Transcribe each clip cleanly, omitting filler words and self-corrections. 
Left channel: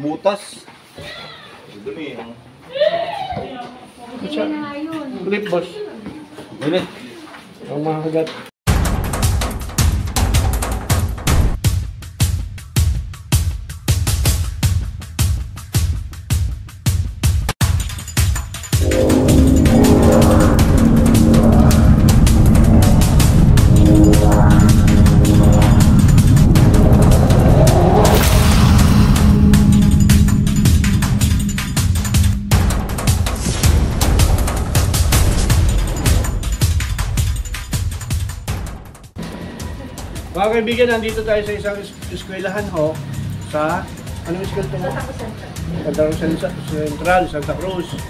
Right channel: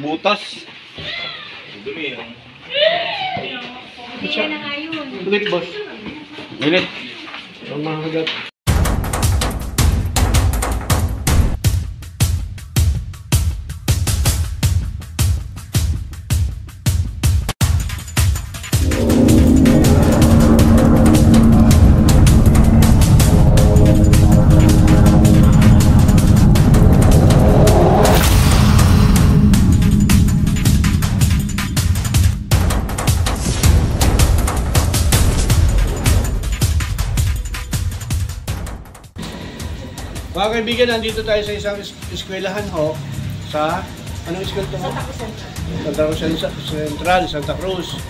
butas. Dumi, no? Hindi na nga yun. Ulit, boss. Ulit. Ang mahagat. Mga kaibigan, nandito tayo sa isang eskwelahan ho sa, anong eskwela ito? Santa Cruz Central, Santa Cruz.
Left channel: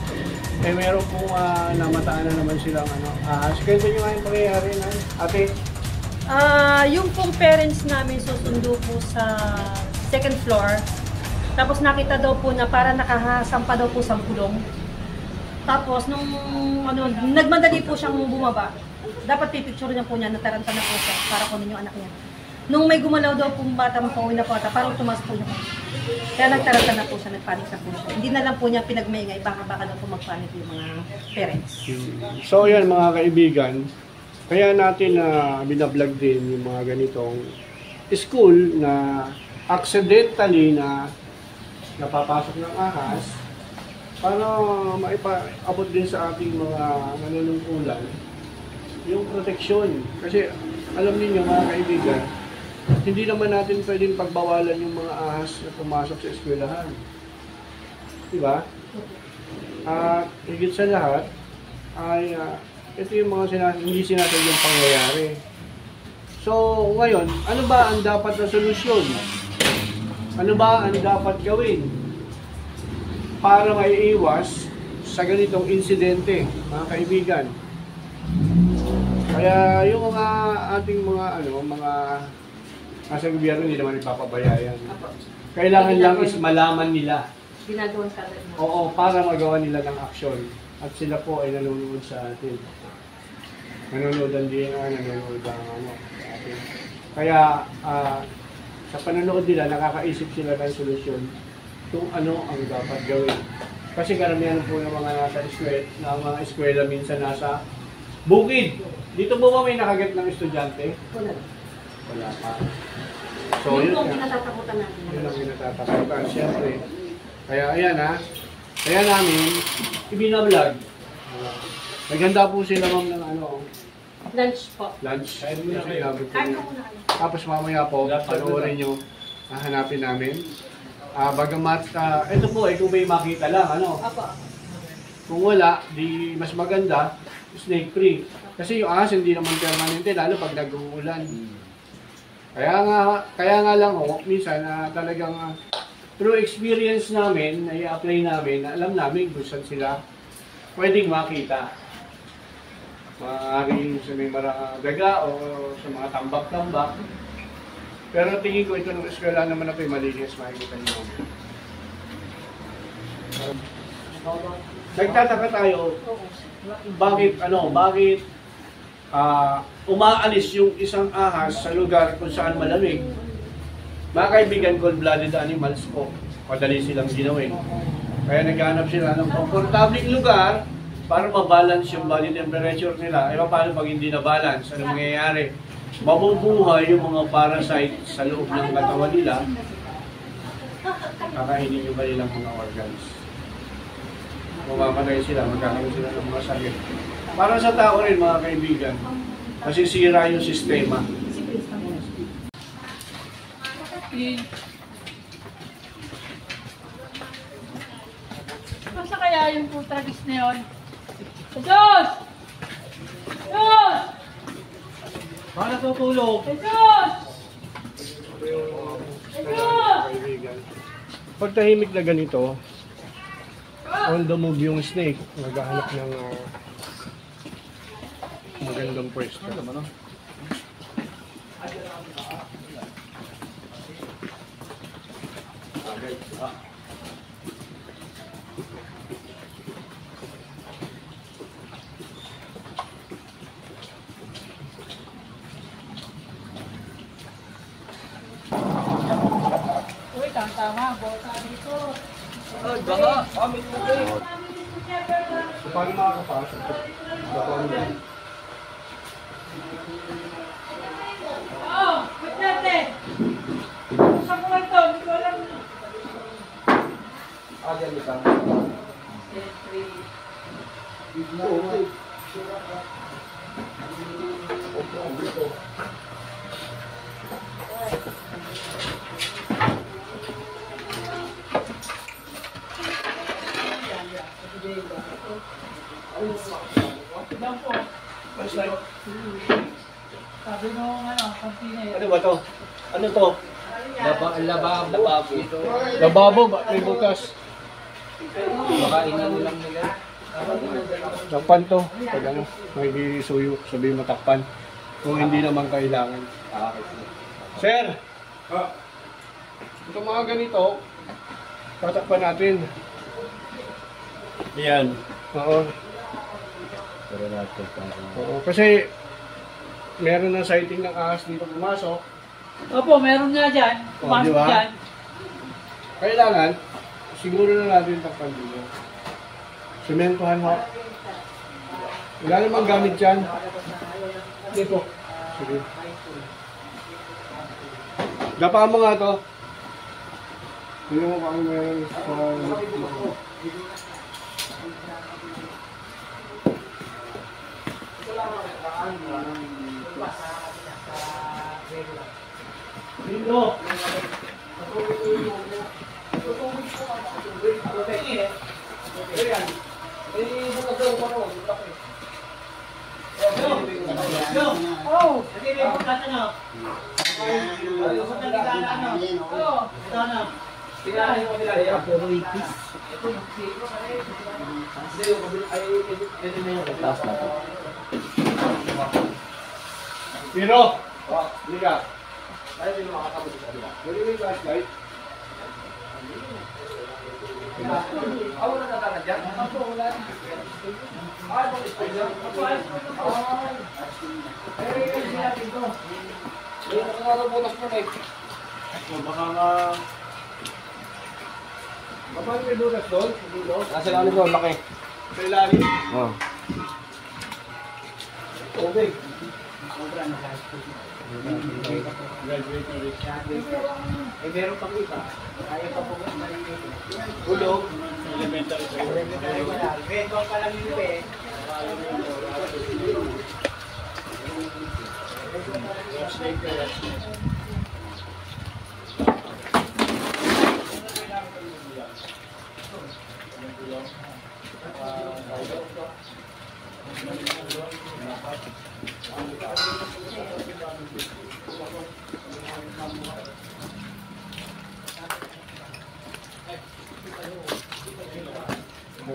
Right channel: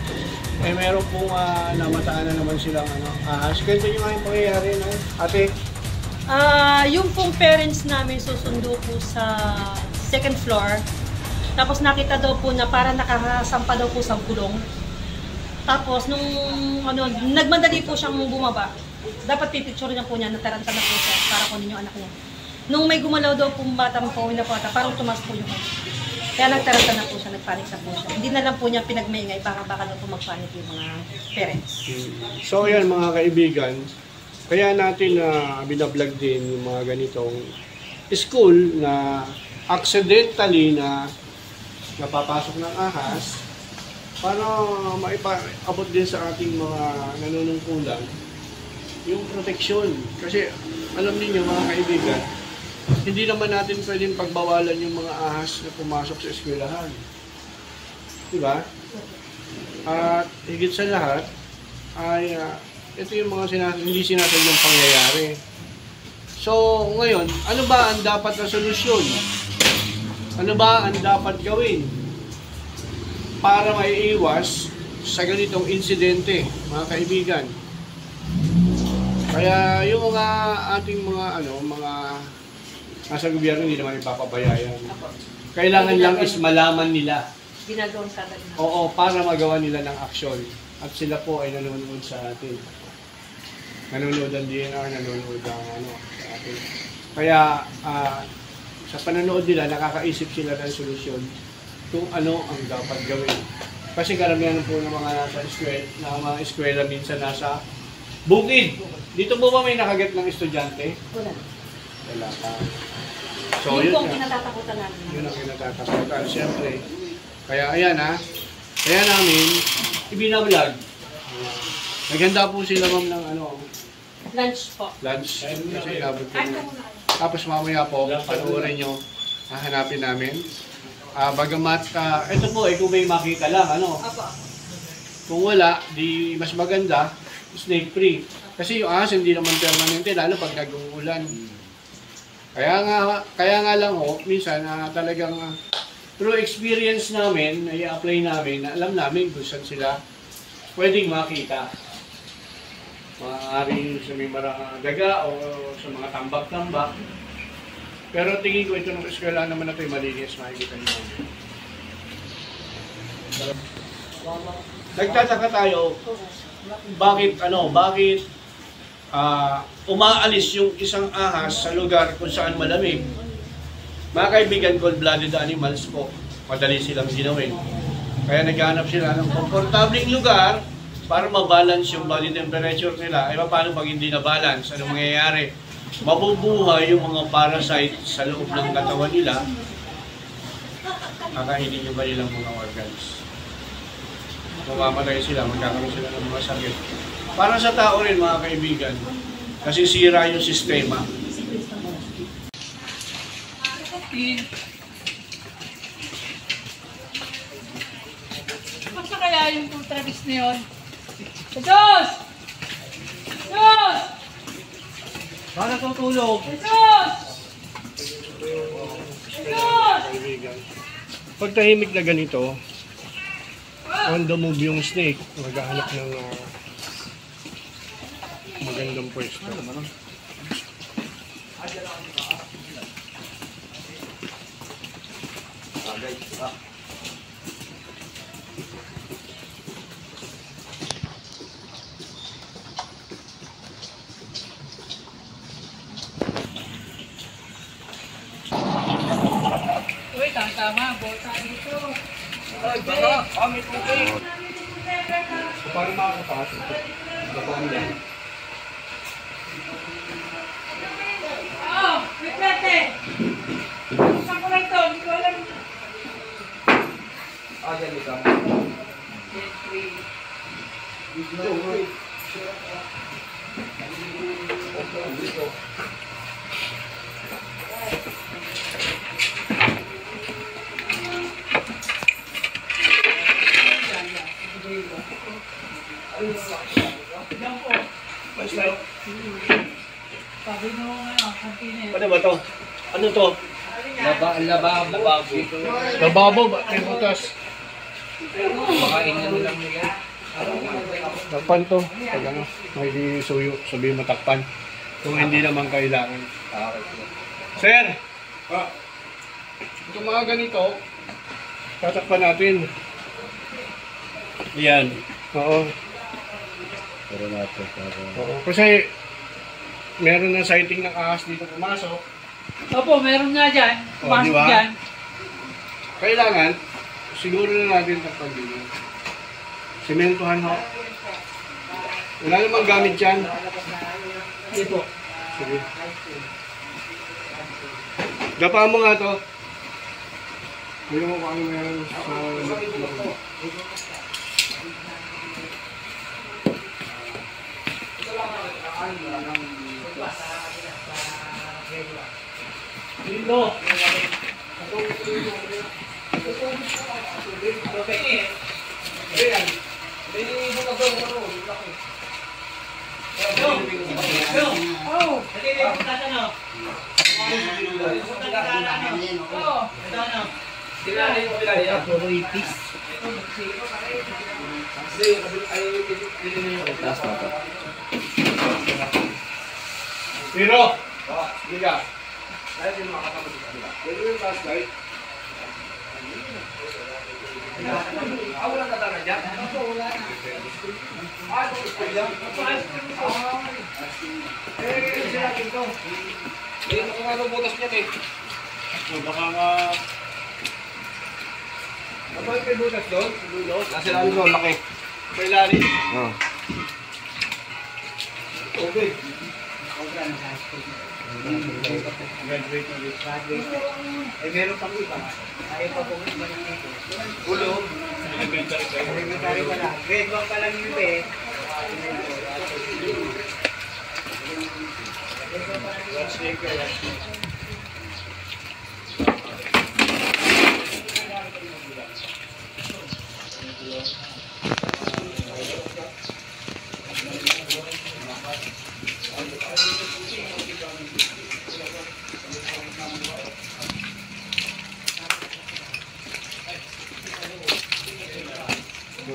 Eh meron pong namataan na naman silang kwento nyo nga yung pangyayari na ate. Yung pong parents namin susundo po sa second floor. Tapos nakita daw po na para nakasampa daw po sa gulong. Tapos nung nagmadali po siyang bumaba. Dapat pipicture niya po niya, nataranta na po siya para kunin yung anak niya. Nung may gumalaw daw po bata, pauwi na po ata, parang tumas po yung kaya nagtaranta na po siya, nagpanik na po siya. Hindi na lang po niya pinagmaingay, baka daw po magpanik yung mga parents. So yan mga kaibigan, kaya natin binablog din yung mga ganitong school na accidentally na napapasok ng ahas para maipaabot din sa ating mga nanunungkulan yung proteksyon. Kasi alam niyo mga kaibigan, hindi naman natin pwedeng pagbawalan yung mga ahas na pumasok sa eskwelahan. Diba? At higit sa lahat ay ito yung mga hindi sinasadyang pangyayari. So ngayon, ano ba ang dapat na solusyon? Ano ba ang dapat gawin para maiiwas sa ganitong insidente, mga kaibigan? Kaya yung mga ating mga nasa gobyerno hindi naman ipapabayayan. Kailangan lang is malaman nila. Ginagawang sabad na. Oo, para magawa nila ng aksyon. At sila po ay nanonood sa atin. Nanonood ang DNR, nanonood ang sa atin. Kaya sa panonood nila, nakakaisip sila ng solusyon kung ano ang dapat gawin. Kasi karamihan po ng mga nasa eskwela minsan nasa bukid. Dito po ba may nakagat ng estudyante? Wala. Wala pa. So, yun po ang kinatatakutan natin. Yun ang kinatatakutan, siyempre. Kaya ayan kaya namin ibinablog. Naghanda po sila ma'am ng Lunch po. lunch. Kasi inabot ko. Tapos mamaya po, panoorin nyo, hahanapin namin. Bagamat, ito po kung may makita lang, Opo. Kung wala, di mas maganda, snake free. Kasi yung ahas hindi naman permanente, lalo pag nag-uulan. Kaya nga lang minsan talagang through experience namin, i-apply namin, alam namin kung saan sila pwedeng makita. Maaari sa may daga o sa mga tambak-tambak. Pero tingin ko ito ng eskwela naman na ito malinis, makikita niyo. Nagtataka tayo, bakit umaalis yung isang ahas sa lugar kung saan malamig. Mga kaibigan, cold-blooded animals po, madali silang ginawin. Kaya naghahanap sila ng komportabling lugar para mabalance yung body temperature nila. Paano pag hindi na-balance? Ano mangyayari? Mabubuhay yung mga parasite sa loob ng katawan nila. Kakainin yung kanilang mga organs. Mamamatay sila, magkakaroon sila ng mga sakit. Para sa tao rin mga kaibigan, kasi sira yung sistema. Basta kaya yung putragis na yun? Jesus! Jesus! Para tutulog. Jesus! Jesus! Pag tahimik na ganito, on the move yung snake, maghahanap ng magandang pwesto. Uy, tama Tama, bota dito. May tubig. So, paano makakapasok? Gapang yan. Oo, may pwede. Saan ko lang to? Hindi ko alam. Ganito ka. Yan po. Sabi mo kantina Ano ba to? Ano to? Lababo. Lababo ba? May butas. Baka inano lang nila. Takpan to. Pag ano, may suyo, sabihin matakpan. Kung hindi naman kailangan. Sir! Itong mga ganito, tatakpan natin. Yan. Oo. Pero natin. Oo. Kasi meron ng sighting ng ahas dito pumasok. Opo, meron nga dyan. Oh, di Pumasok ba? dyan. Kailangan, siguro na natin takpan dito. Sementohan ho. Wala namang gamit dyan. Hindi po. Sige. Gapaan mo nga to. Hindi mo kung ano meron sa loob. Dito. Oh! Pero, liga. Dahil hindi makakapag sa kabila. Ganun yung flashlight. Wala na talaga dyan? Wala na. Sinatin ko. Dito ko nga daw butas niyan eh. Baka nga... Kapag may butas doon? Nasa ilalim doon, laki. Sa ilalim? Oo. Okay. Graduate ulit. Eh, meron pang iba. Ayaw pa po ulo. Elementary pa yun. Grade 1 pa lang yun eh.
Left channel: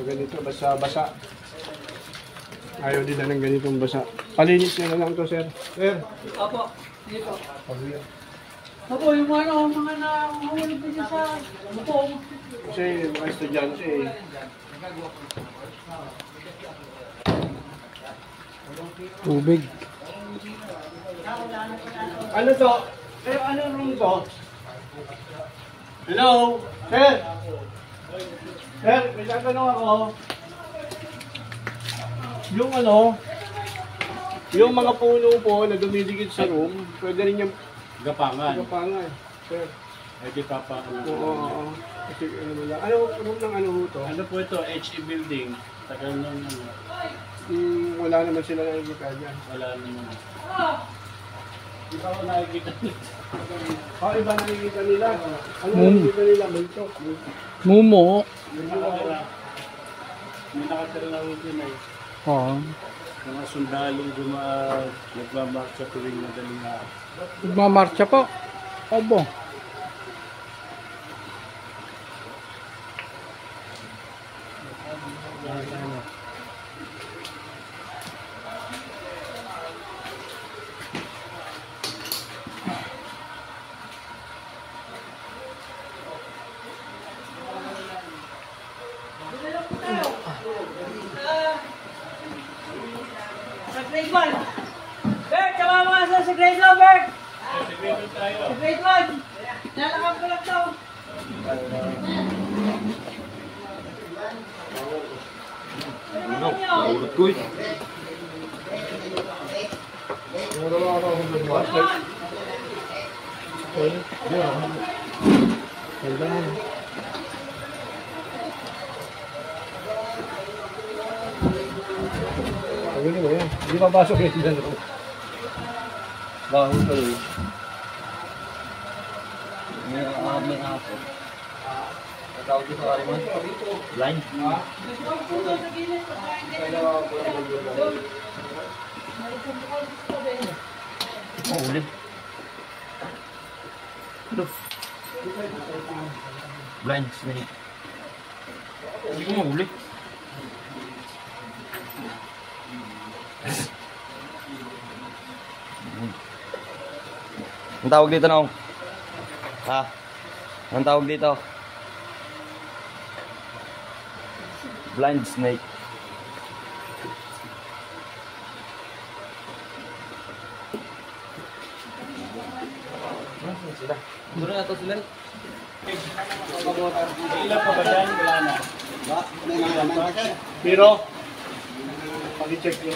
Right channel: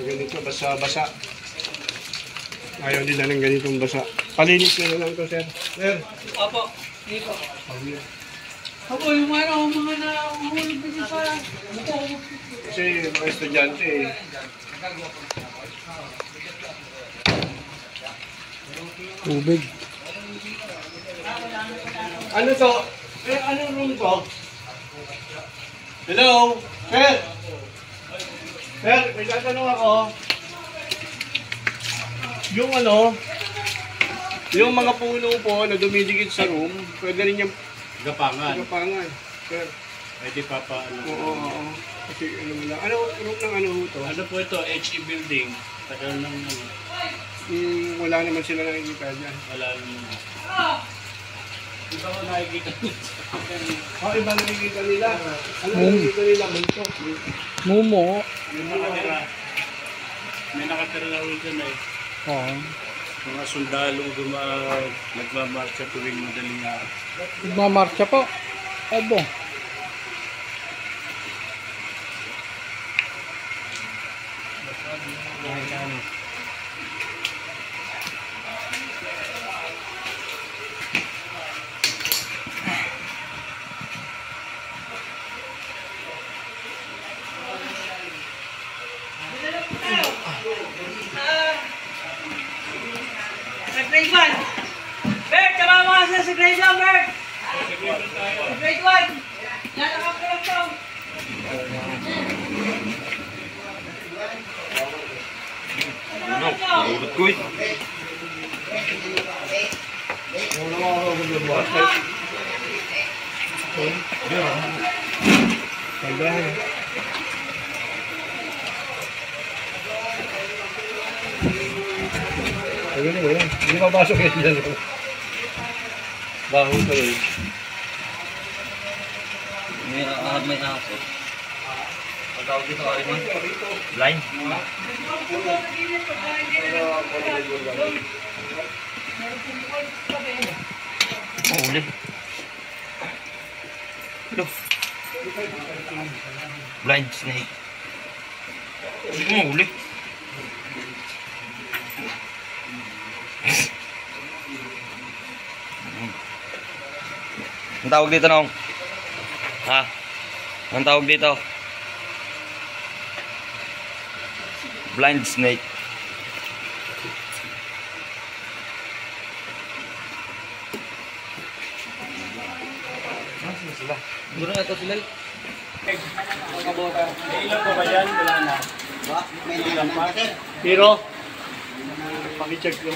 Ganito, basa-basa. Ayaw nila ng ganitong basa. Palinis na lang ito, sir. Sir. Opo. Hindi po. Opo, yung mga nahuhulog din sa buko. Kasi mga estudyante eh. Tubig. Ano to? Ano room to? Hello? Sir? Sir, may tatanong ako. Yung ano, yung mga puno po na dumidikit sa room, pwede rin yung Gapangan. gapangan. Sir. Ay di papa. Oo. Kasi ano mo lang. Ano room ng ano to? Ano po ito? HE building. Tagal ng ano. Wala naman sila nakikita dyan. Wala naman. Di ba wala nakikita nito? Iba nakikita nila. Ano nakikita nila? Multo. Mumo. May nakatira. May nakatira na ulit yun eh. Oo. Mga sundalong nagmamarcha tuwing madaling araw. Nagmamarcha po. Obo. Sa grade 1. Bert, tama na mga sa grade 1, Bert. Sa grade 1. Lalakap ko lang to. Ano? Ulot ko eh. Ayun mo yan. Hindi mapasok yan dyan. Baho pa yun. May aso. Ang tawag dito, Ariman? Blind? Oh, uli. Look. Blind snake. Hindi ko mahuli. Ang tawag dito, Nong? Ha? Ang tawag dito? Blind snake. Duro na ito sila. Ilan pa ba yan? Wala na. Ilan pa? Pero, pakicheck nyo.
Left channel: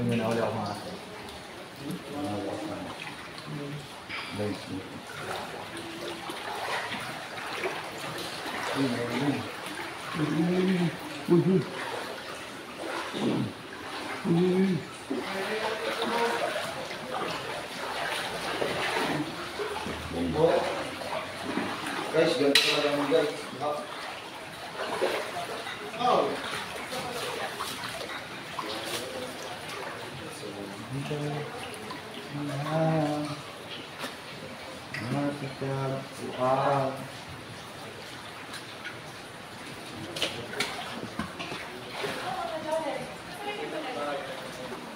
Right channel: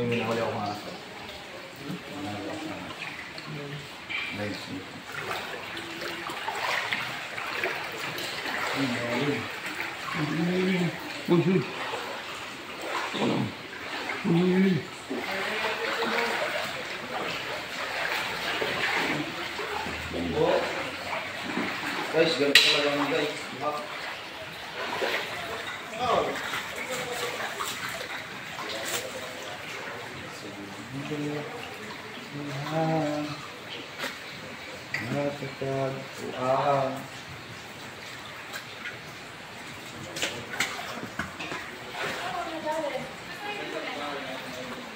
May minahuli ako mga aso. Guys, ganito talaga yung guys.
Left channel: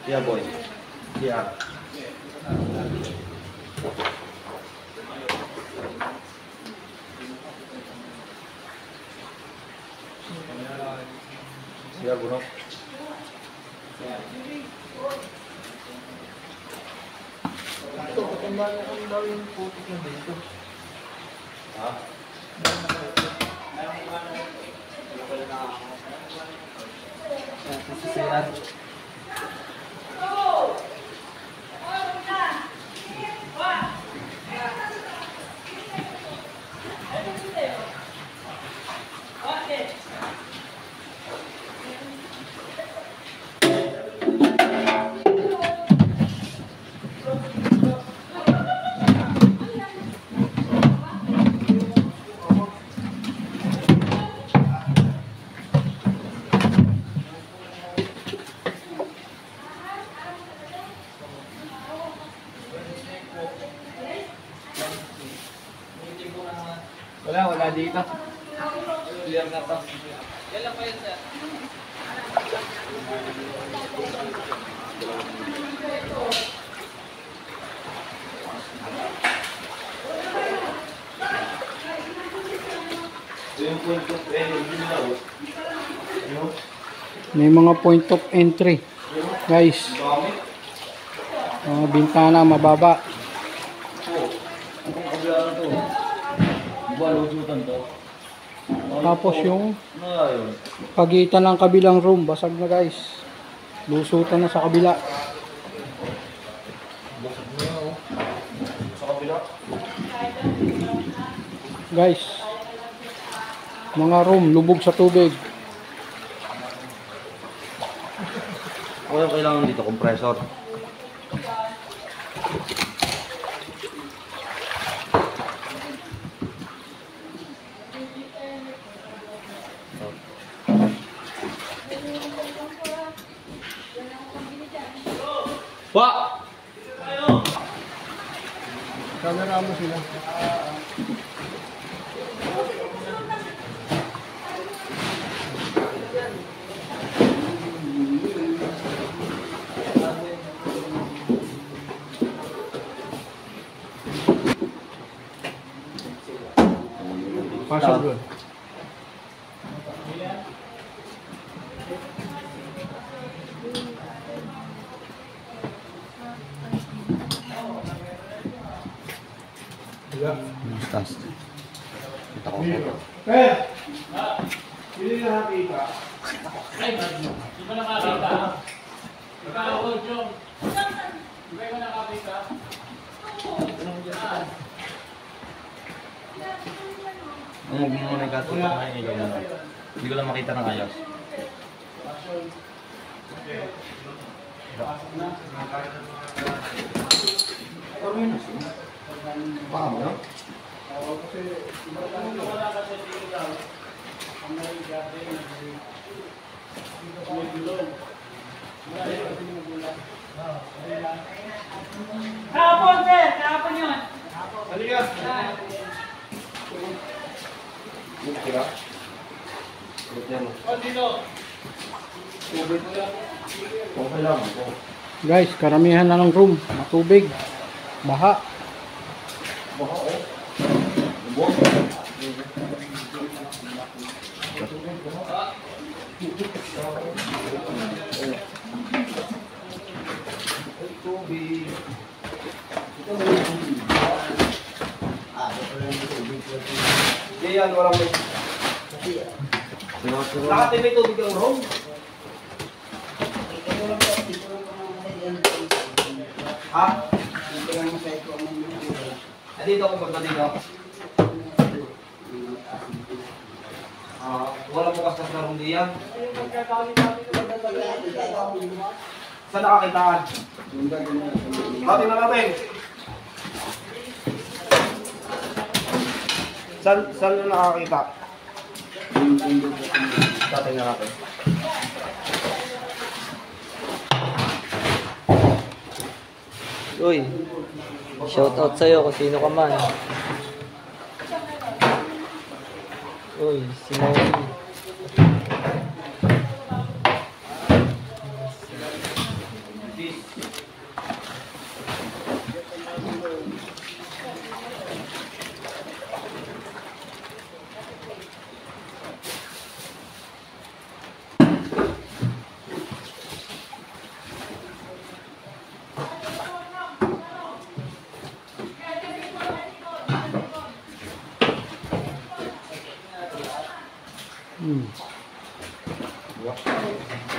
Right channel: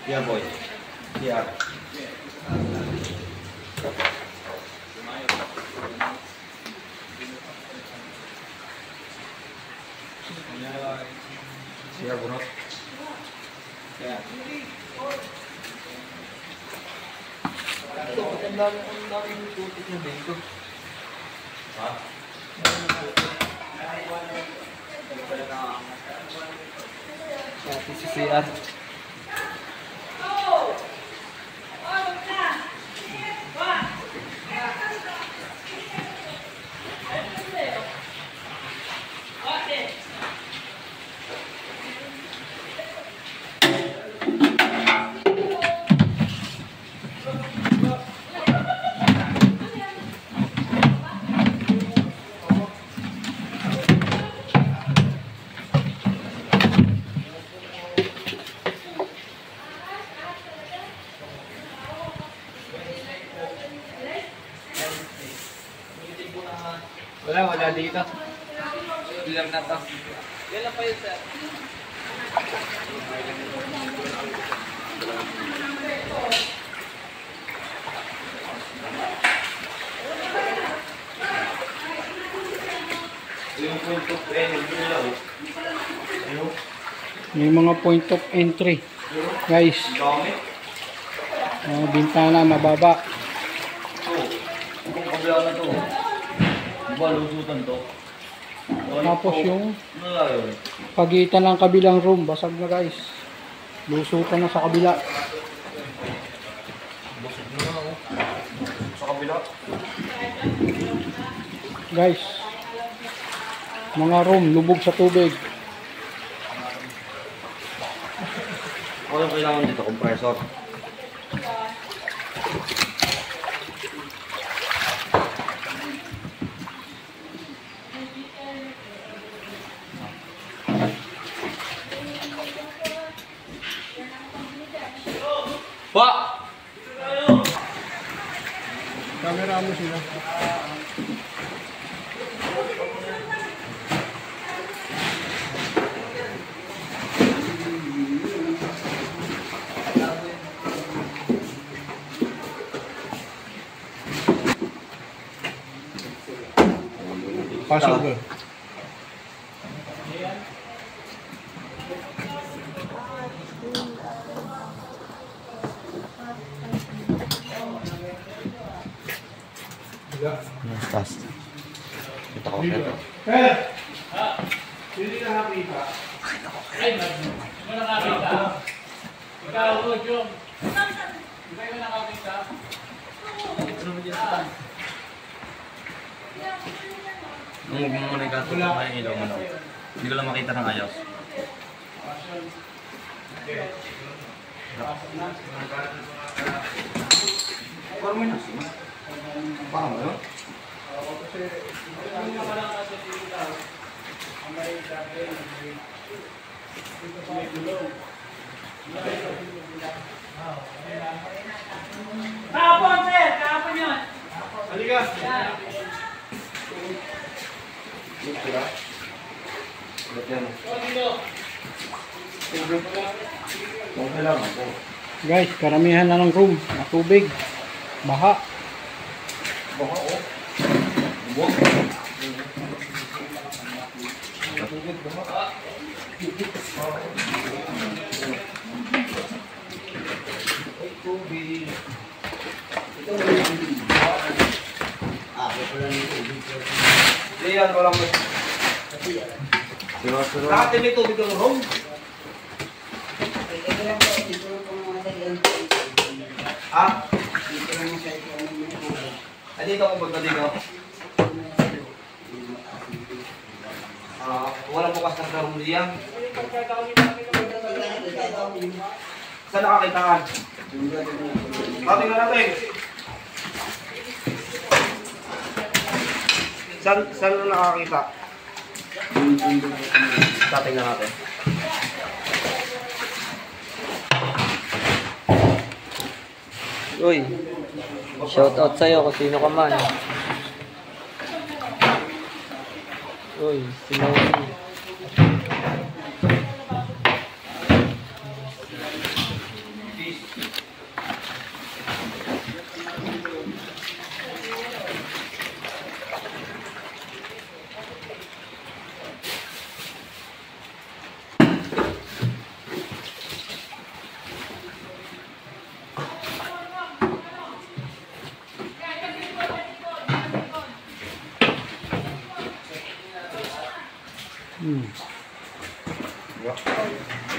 Yeah, boy. Yeah. Siya, bro. Ito, patanda na ang daw yung putik na dito. Ha? Ito si CR. Wala dito. Bilang na to. Ilan pa yun, sir? Yung point of entry nila, May mga point of entry. Guys, bintana mababa. kung kabila na to. Diba, lusutan to? Tapos yung Wala yun. pagitan ng kabilang room, basag na guys. Lusutan na sa kabila. Basag na nga, oh. Sa kabila. Guys, mga room, lubog sa tubig. Ano yung kailangan dito? Compressor. Wah! Camera mo sila. Pasok doon. Taas. Ito ko. Ito. Hindi na nakita. Ang huwag mo muna ikato pa yung ilaw mo lang. Hindi ko lang makita ng ayaw. Baka mo yun? Kahapon, sir! Kahapon yun! Halika. Guys, karamihan na ng room. Matubig. Baha. Diyan, walang may... Lahat may tubig ng home. Ha? Dito ako magpaligaw. Wala bukas na karong diyan. Saan nakakitaan? Tingnan natin. Saan na nakakita? Tingnan natin. Uy, shout out sa'yo kung sino ka man. Uy, si Maui.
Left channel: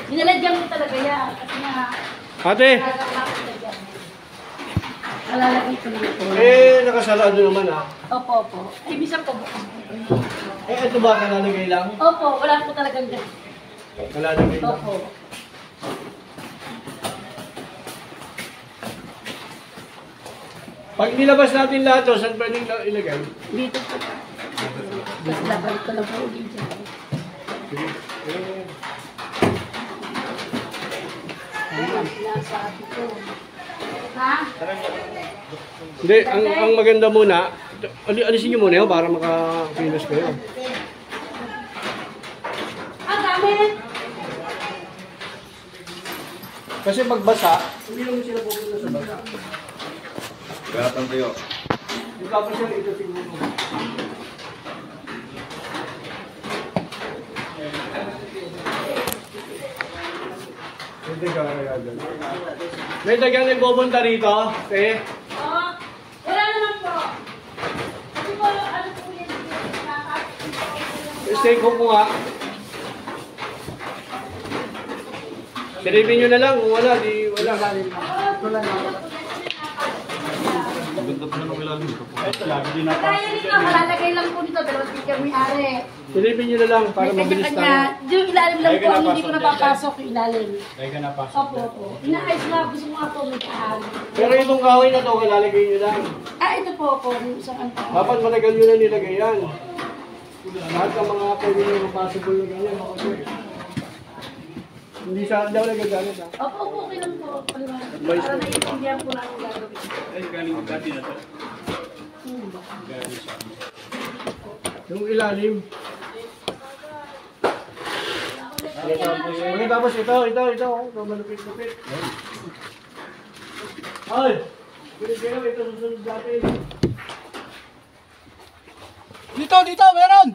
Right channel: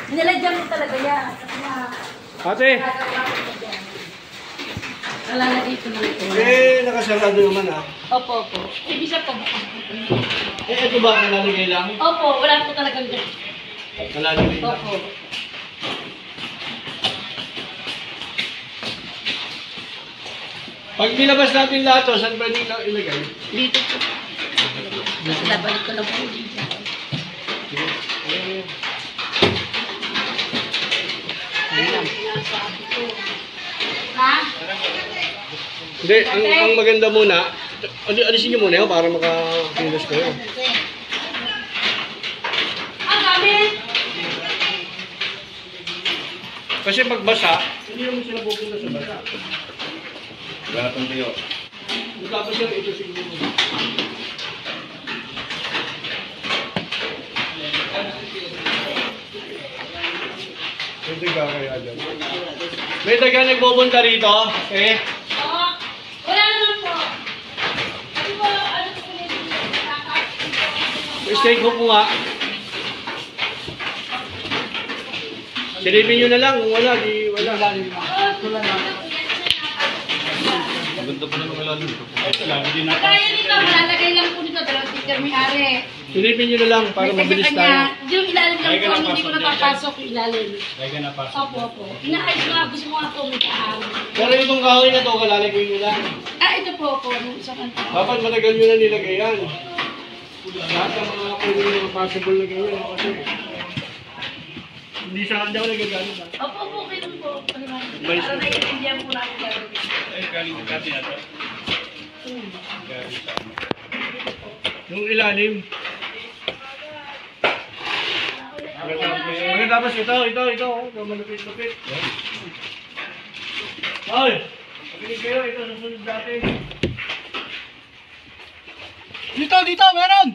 Nilalagyan mo talaga yan. Kasi nga, Ate, alalagay ko nito. nakasarado naman ah. Opo, opo. Ibisa po. Ito ba kalalagay lang? Opo, wala po talagang ganyan. Kalalagay lang. Opo. Pag nilabas natin lahat to, saan ba nila ilagay? Dito po. Tapos labalik ko lang po dito. Ha? Hindi, ang maganda muna, alisin nyo muna yun para makakilos kayo. Ang gamit! Kasi pag basa, hindi naman sila pupunta sa basa. Gapang kayo. Tapos yung ito siguro. Ito ka kaya dyan. May taga nagbubunta rito, eh. Oo. Wala naman po. Ano po, ano po yun? Stay ko po nga. Silipin nyo na lang, kung wala, di wala. Maganda pa naman ilalim dito. Ito lang, hindi na Kaya nito, malalagay lang po nito, dalawang sticker may are. Silipin nyo na lang para May mabilis tayo. kanya-kanya. Yung ilalim lang po, ang hindi ko napapasok yung ilalim. Lagi ka na pasok. Opo, opo. Inaayos nga, gusto mo nga po may kaari. Pero itong kahoy na to, kalalagay nyo lang. Ah, ito po, opo. Yung isang ano. Dapat matagal nyo na nilagay yan. Lahat ng mga pwede nyo possible na ganyan. Kasi hindi sa daw nagagamit ha. Opo, opo, okay lang po. May- Para naiintindihan po natin gagawin. Ay, galing yung dati na to. Yung ilalim. Tapos ito, malupit-lupit. Ay! Pinig kayo, ito susunod natin. Dito, meron!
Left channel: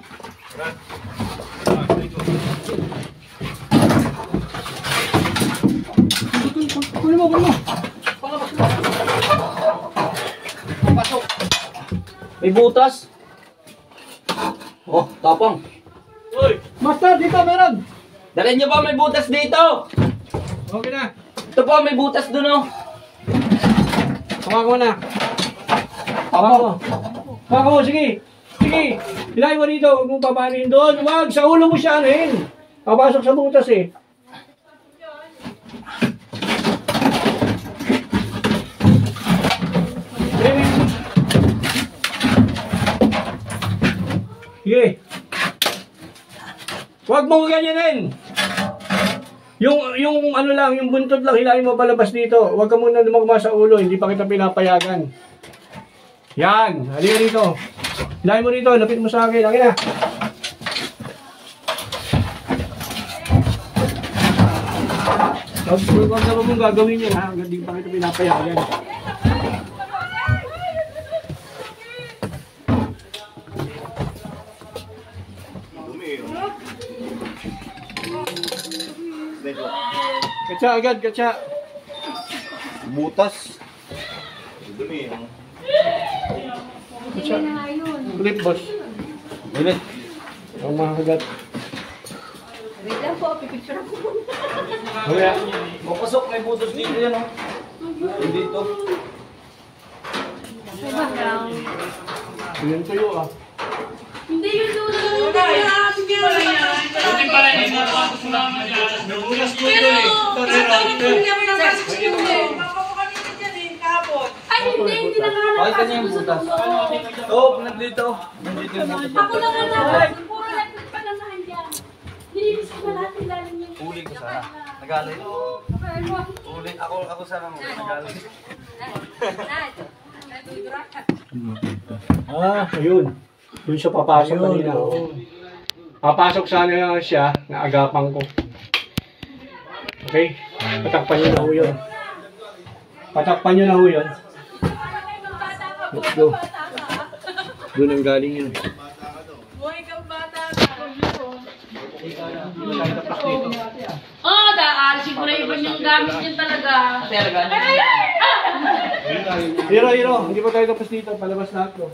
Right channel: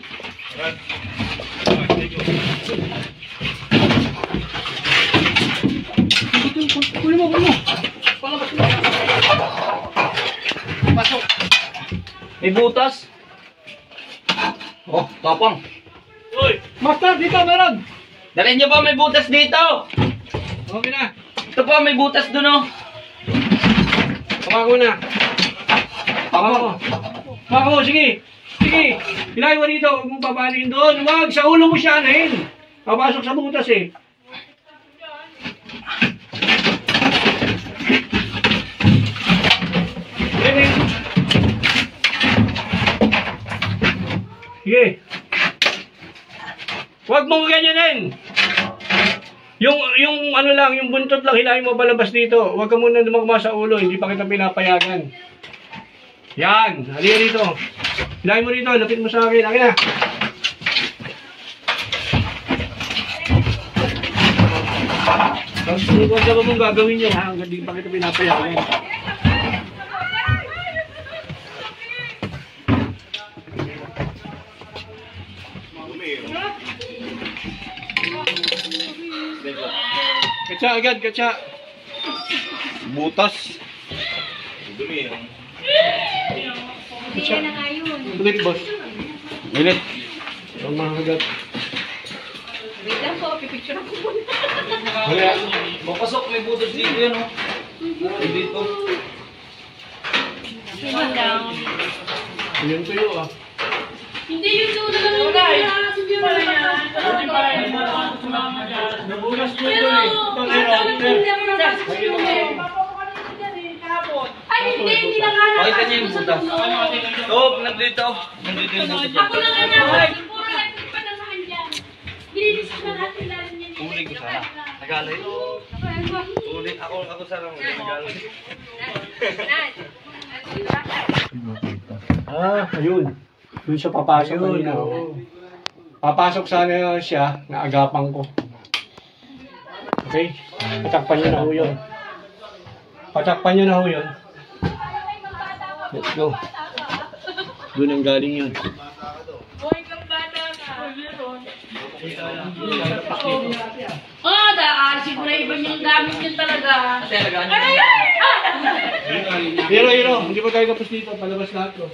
Kunin mo. May butas. Oh, tapang. Master, dito meron! Dalhin niyo pa, may butas dito. Okay na. Ito pa, may butas doon oh. Hawa ko na. Hawa ko. Hawa ko, sige. Sige. Hilahin mo rito. Huwag mong papanin doon. Huwag. Sa ulo mo siya anahin. Papasok sa butas eh. Sige. Huwag mong ganyanin. Yung ano lang, yung buntot lang, hilahin mo palabas dito. Huwag ka muna lumagma sa ulo, hindi pa kita pinapayagan. Yan, halika dito. Hilahin mo dito, lapit mo sa akin. Akin na. Huwag ka mong gagawin yun, ha? Hindi pa kita pinapayagan. Katsa agad, katsa. Butas. Katsa. Ulit, boss. Ulit. Ang mga agad. Wait lang po, pipicture ako muna. Wala. Mapasok, may butas dito yan oh. Dito. Yun tuyo ah. Hindi yun doon na lang yung Nabugas ko Pero, ito hindi ako napasok sa tulong. Ay, hindi na nga Ay, kanya yung napasok sa butas. tulong. Oh, nandito. Nandito yung butas. Ako na nga naman, puro lang yung pananahan dyan. Bilinis ko na natin lalim yan. Uli ko sana. Nagalo yun. Uli. Ako sana mo. Nagalo. Ayun. Doon siya papasok kanina. Papasok sana siya, naagapan ko. Okay? Patakpan niyo na ho yun. Patakpan niyo na ho yun. Let's go. Doon ang galing yun. Oh, dahil siguro ibon yung gamit yun talaga. Hiro, hindi pa tayo tapos dito. Palabas lahat ko.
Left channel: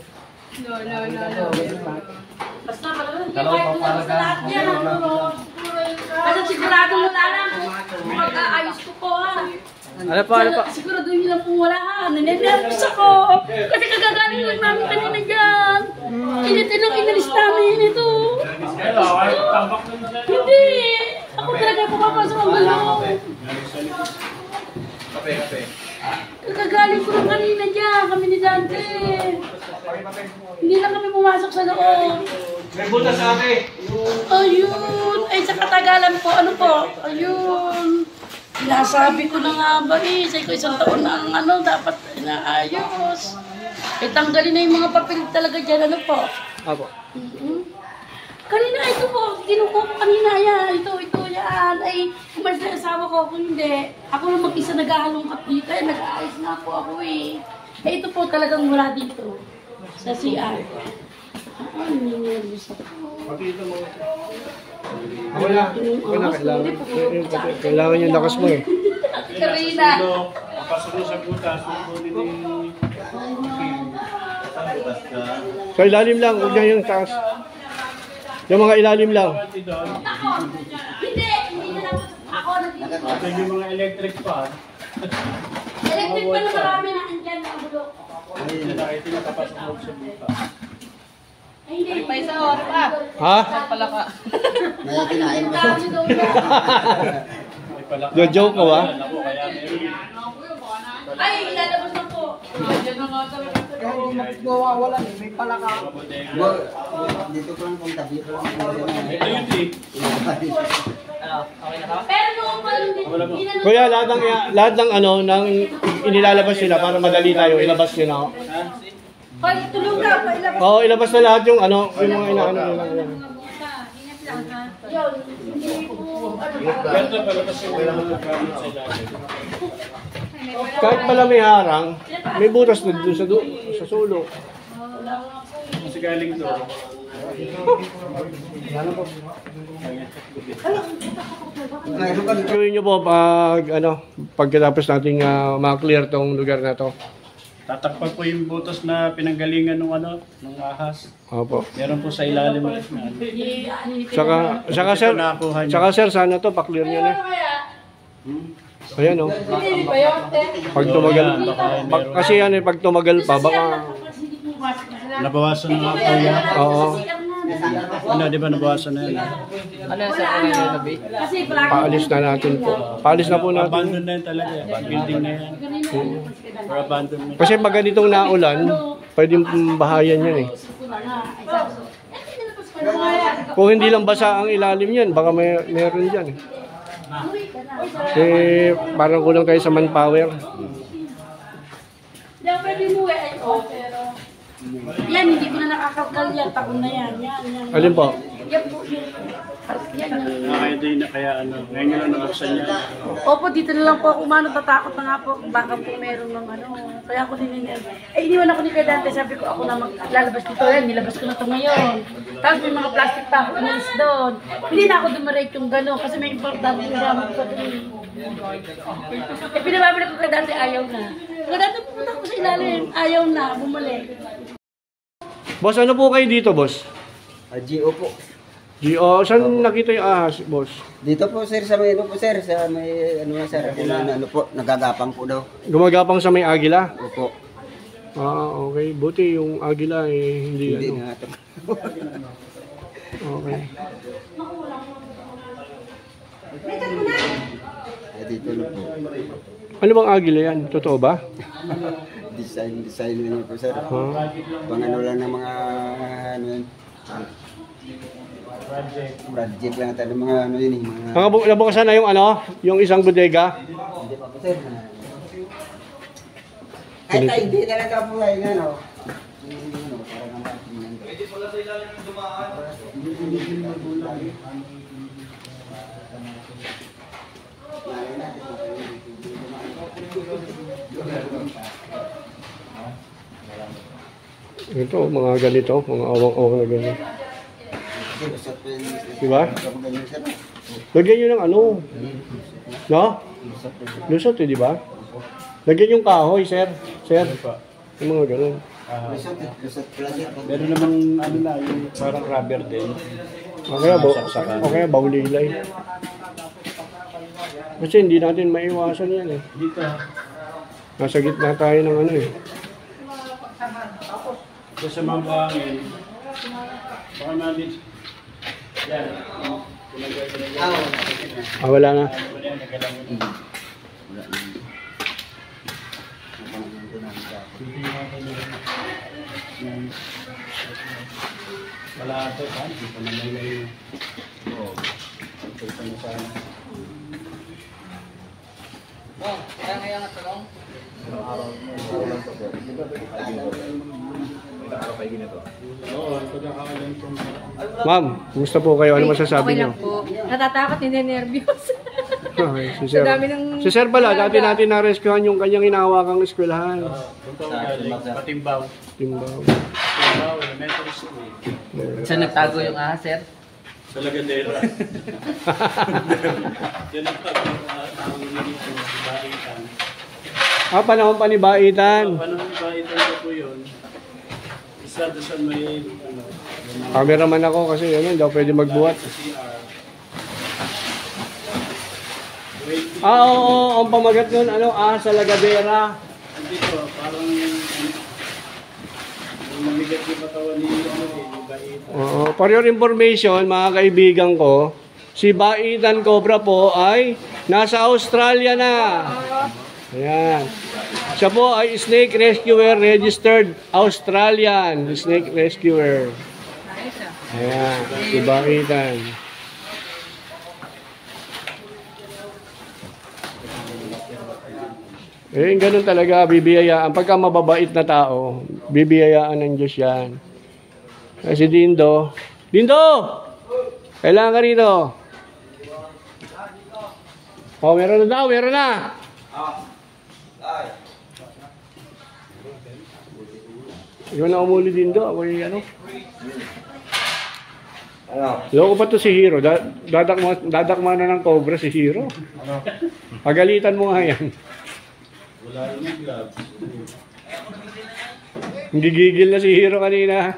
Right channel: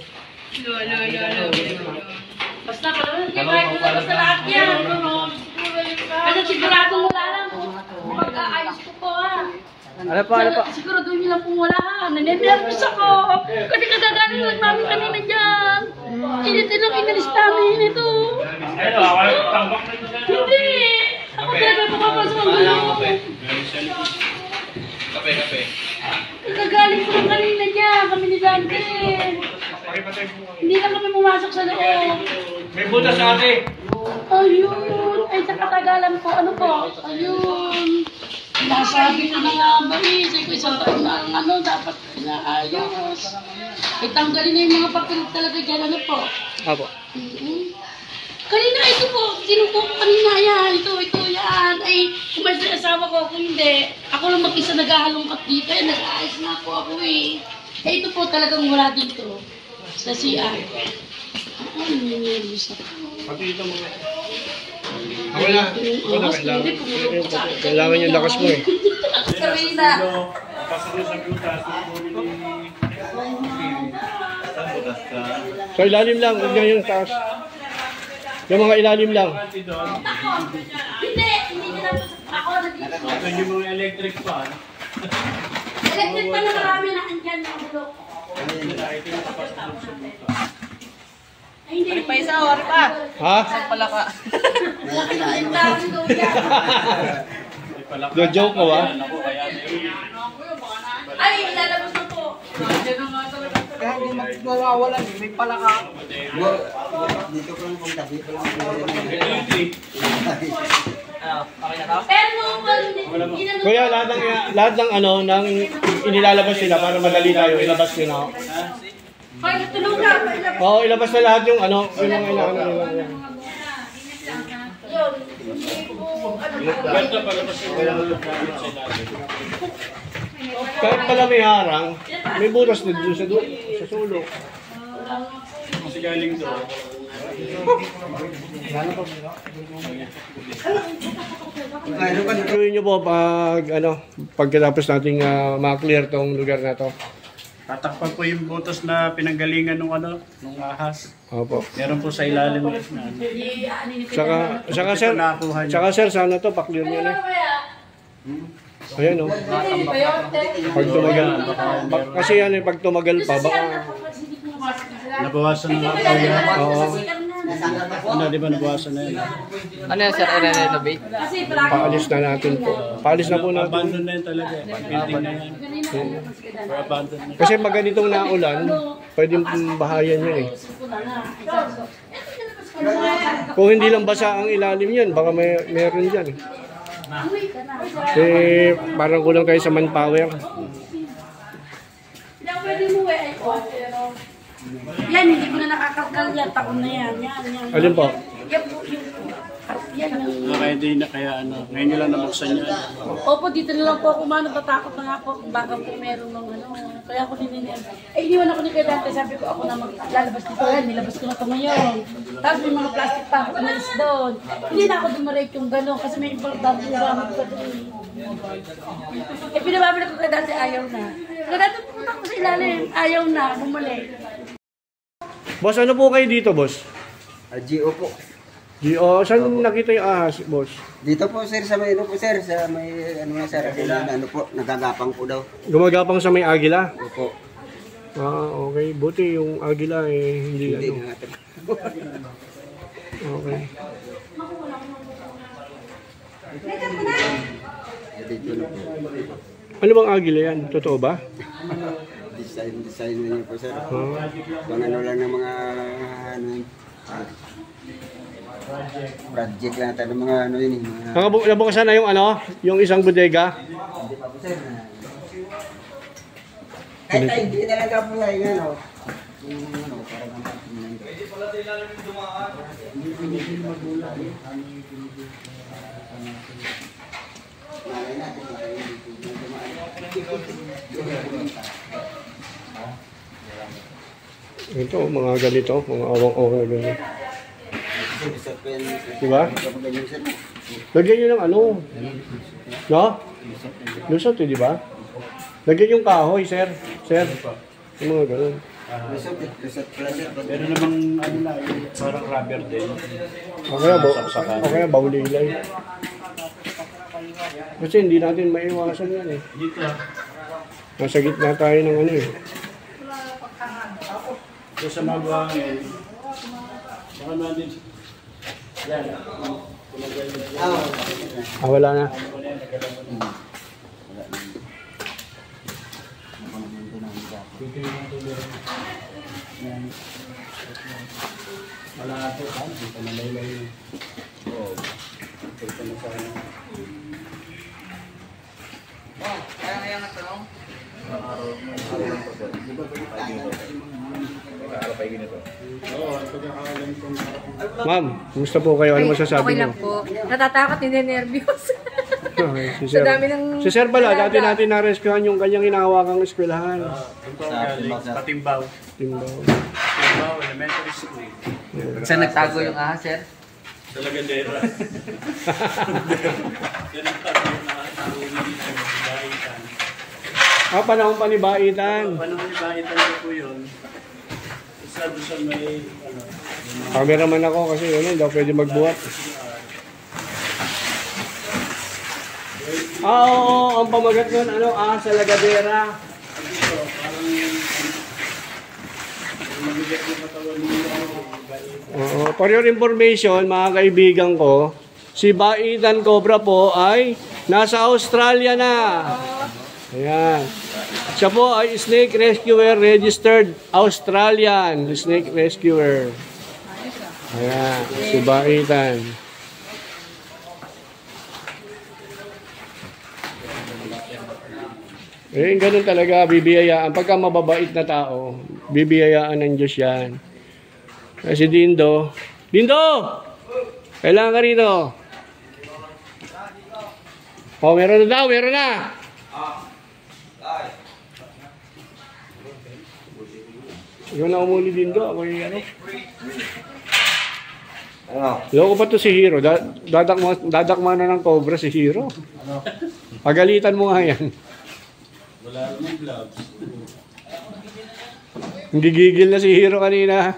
Basta ka naman, hindi tayo tulabas na lahat yan. Basta sigurado mo na lang kung mag-aayos ko po ha. Ano pa? Siguro doon nyo lang pong wala ha. Naninervous ako. Kasi kagagaling lang namin kanina dyan. Initin ang inalis namin ito. Hindi. Ako talaga papapasok ang gulo. Kape. Kagagaling ko lang kanina dyan. Kami ni Dante. Hindi lang kami pumasok sa loob. May butas sa akin. Ayun. Ay, sa katagalan po. Ano po? Ayun. Nasabi ko na nga ba eh. Sabi ko isang taon na ang ano, dapat naayos. Ay, tanggalin na yung mga papel talaga dyan. Ano po? Apo. Kanina, ito po. Kinukuha ko kanina. Yan. Ito, yan. Ay, kumalas na asawa ko. Kung hindi, ako lang mag-isa naghahalongkat dito. Ay, nag-aayos na po ako eh. Eh, ito po talagang wala dito. Sa CR. Ay, nangyayos ako. Wala. Kailangan yung lakas mo eh. Karina. Pasok na sa butas. Sa ilalim lang, huwag niya yung taas. Yung mga ilalim lang. Hindi na lang. Ako, Ito yung mga electric fan. electric pa na marami na andyan na ang bulok. Ito yung papasok sa butas. Ay, hindi. Pa isa, ori pa. Ha? Pala ka. Ang dami daw yan. Na-joke ko ha? Ay, ilalabas na po. Kaya hindi magwawala, may pala ka. Pero noong pa, hindi na Kuya, lahat ng ano, ng inilalabas nila para madali tayo, ilabas nyo na. Hoy, tulong ka. Oo, ilabas na lahat yung ano, yung mga inaano nila. Yan. Yun, hindi po, ano, Ganda pala kasi wala mga gamit sila. Kahit pala may harang, may butas na doon sa sulo. Kasi galing doon. Gawin nyo po pag ano, pagkatapos nating ma-clear tong lugar na to. Tatakpan po yung butas na pinanggalingan nung ahas. Opo. Meron po sa ilalim na Saka sir, sana to, paklear nyo na. Ayan o. Pag tumagal, kasi yan eh, pag tumagal pa, baka, nabawasan na kaya. oo, Di ba nabawasan na yun? Ano yan, sir? I-renovate? paalis na natin po. Paalis na po natin. Abandon na yun talaga. Building na yun. Or abandon na. Kasi pag ganitong naulan, pwedeng bahayan yun eh. Kung hindi lang basa ang ilalim yan, baka meron dyan eh. Eh, parang kulang kayo sa manpower. Yan, hindi ko na nakakakal yan. Taon na yan. Yan. Alin po? Yan po yung... Yan yung... Kaya di na kaya ngayon nyo lang nabuksan niya. Opo, dito na lang po ako umano. Tatakot na nga po. Baka po meron ng Kaya ako nininiyan. Iniwan ako ni Kuya Dante. Sabi ko ako na maglalabas dito. Nilabas ko na ito ngayon. Tapos may mga plastic pa ako inalis doon. Hindi na ako dumarate yung gano'n. Kasi may importante yung ramad ko doon. Pinababalik ko kay Dante. Ayaw na. Kaya Dante pumunta ko sa ilalim. Ayaw na. Bumalik. Boss, ano po kayo dito, boss? GO po. Gio, saan nakita yung ahas, boss? Dito po sir, sa may sir, sa may sir, nagagapang po daw. Gumagapang sa may agila? Opo. Ah, okay. Buti yung agila eh, hindi ano. natin. Okay. Dito na po. Ano bang agila yan? Totoo ba? Design na niyo po sir. Ah. Pang ano lang ng mga project lang tayo ng mga yun eh. Nabukasan na yung yung isang bodega? Hindi pa po sir. Ay, hindi talaga po ay parang pwede pala sa ilalim yung dumaan. Hindi magulang. Ito, mga ganito, mga awang-awang na ganito. Diba? Lagyan nyo ng no? Lusot eh, diba? Lagyan yung kahoy, sir. Yung mga ganun. Pero namang yung parang rubber din. O kaya baulilay. Kasi hindi natin maiwasan yan eh. Dito. Nasa gitna tayo ng eh. Ito sa mga buhangin. Baka namin. Yan. Wala na. Wala ito. Hindi pa nalaylay. Ito na sana. Kaya nga tanong? Ma'am, kumusta po kayo? Ano masasabi Okay niyo? lang po. Natatakot, hindi nervyos. Okay, si Sir. Sa dami ng- Si Sir pala, dati natin na-rescuehan yung kanyang hinahawakang eskwelahan. Patimbaw. Timbaw. Patimbaw, elementary school. Saan nagtago yung ahas, sir? Sa Lagadera. Yan ang nahuli dito sa Baitan. Panahon pa ni Baitan. Panahon ni Baitan ko po yun. Isa doon sa may Cameraman ako kasi daw pwede magbuhat. Oo, ang pamagat nun, sa Lagadera. dito, parang mahigat yung katawan ni Baitan. Oo, for your information, mga kaibigan ko, si Baitan Cobra po ay nasa Australia na. Ayan. Siya po ay snake rescuer, registered Australian snake rescuer. Ayan, si Baitan. Ganun talaga, bibiyayaan. Pagka mababait na tao, bibiyayaan ng Diyos yan. Si Dindo. Dindo! Kailangan ka rito. Meron na daw, meron na. Ikaw na umuli Dindo, ako yung loko pa to si Hero. Dadakma na ng cobra si Hero. Pagalitan mo nga yan. Wala namang gloves. Gigigil na si Hero kanina.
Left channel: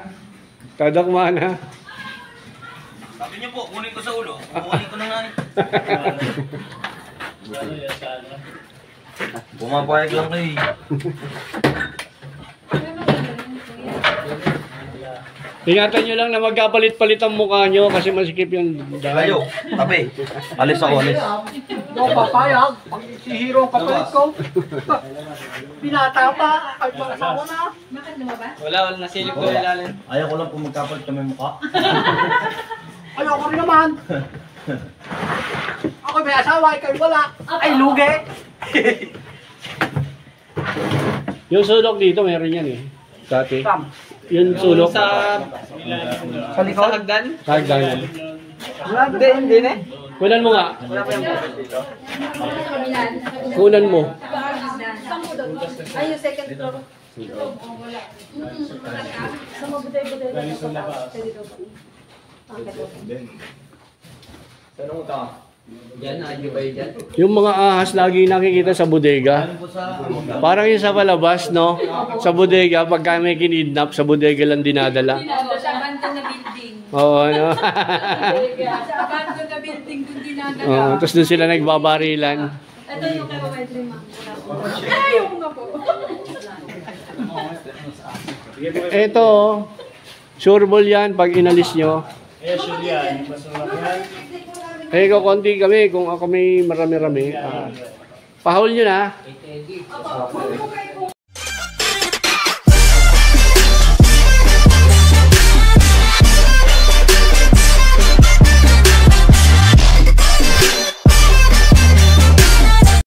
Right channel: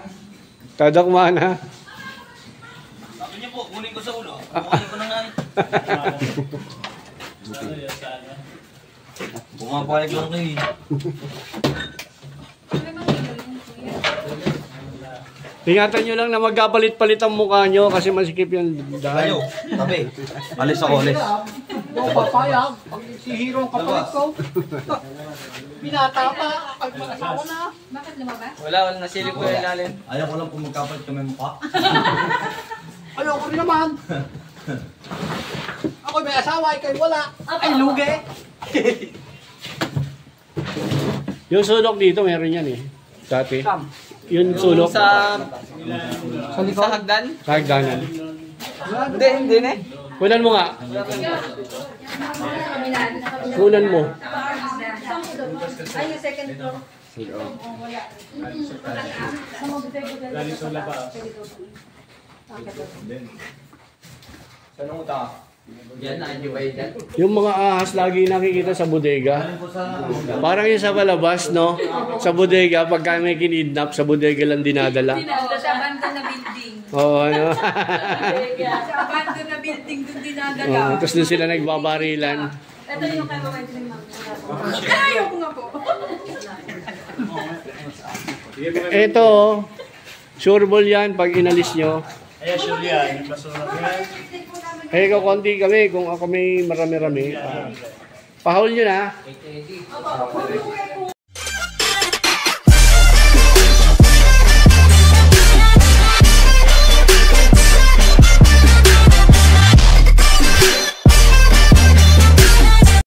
Tadakma na. Sabi niyo po, kunin ko sa ulo. Kunin ko na nga. Pumapayag lang kayo. Ingatan nyo lang na magkapalit-palit ang mukha nyo kasi masikip yung Kayo, tabi. Alis ako, alis. Ikaw papayag. Pag si Hero ang kapalit ko. Binata pa. Kahit mag-asawa na. Wala nasilip ko yung ilalim. Ayaw ko lang kung magkapalit kami mukha. Ayoko rin naman. Ako may asawa, ikaw wala. Ay, lugi. Yung sulok dito, meron yan eh. Dati. Sam. Yung sulok. Sa likod? Sa hagdan? Hagdanan. Hindi na eh. Kunan mo nga. Wala pa yung Kunan mo. Ay, yung second floor. Sa mga buday-buday sa taas. Saan ang utang? Yan, nandiyo ba yun dyan? Yung mga ahas lagi nakikita sa bodega. Parang yung sa palabas, no? Sa bodega, pagka may kinidnap, sa bodega lang dinadala. Sa abandon na building. Oo, ano? Sa abandon na building doon dinadala. Oo, tapos doon sila nagbabarilan. Ito yung kay Mama Edwin, ma'am. Ayoko nga po. Ito, sure ball yan pag inalis nyo. Ay, sure yan. Basura yan. Eh, kung konti kami, kung ako may marami-rami, pahol nyo na.